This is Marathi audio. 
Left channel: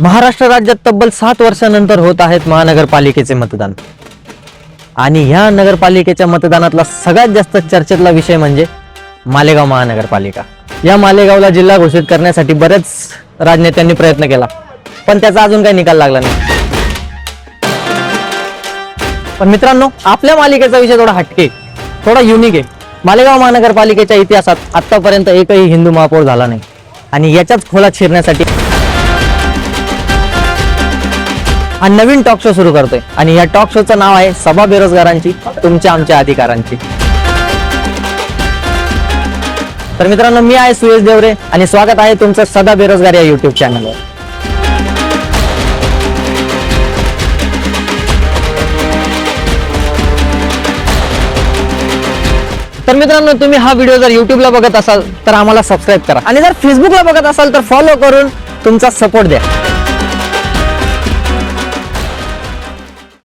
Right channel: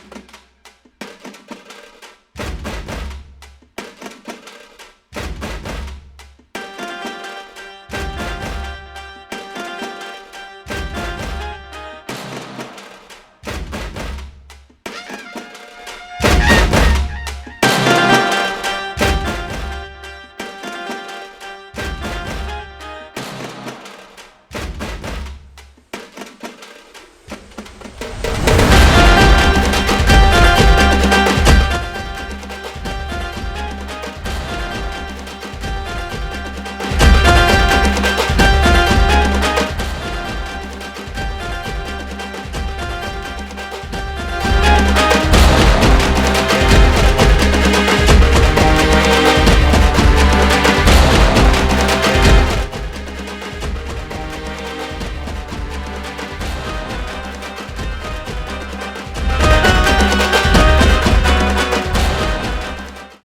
महाराष्ट्र राज्यात तब्बल सात वर्षानंतर होत आहेत महानगरपालिकेचे मतदान. आणि ह्या नगरपालिकेच्या मतदानातला सगळ्यात जास्त चर्चेतला विषय म्हणजे मालेगाव महानगरपालिका. या मालेगावला जिल्हा घोषित करण्यासाठी बरेच राजनेत्यांनी प्रयत्न केला पण त्याचा अजून काही निकाल लागला नाही. पण मित्रांनो आपल्या मालिकेचा विषय थोडा हटके थोडा युनिक आहे. मालेगाव महानगरपालिकेच्या इतिहासात आतापर्यंत एकही हिंदू महापौर झाला नाही. आणि याच्याच खोला शिरण्यासाठी हा नवीन टॉक शो सुरू करतोय. आणि या टॉक शोचं नाव आहे सभा बेरोजगारांची तुमच्या आमच्या अधिकारांची. तर मित्रांनो मी आहे सुयश देवरे आणि स्वागत आहे तुमचं सदा बेरोजगार या युट्यूब चॅनलवर तर मित्रांनो तुम्ही हा व्हिडिओ जर युट्यूबला बघत असाल तर आम्हाला सबस्क्राईब करा. आणि जर फेसबुकला बघत असाल तर फॉलो करून तुमचा सपोर्ट द्या.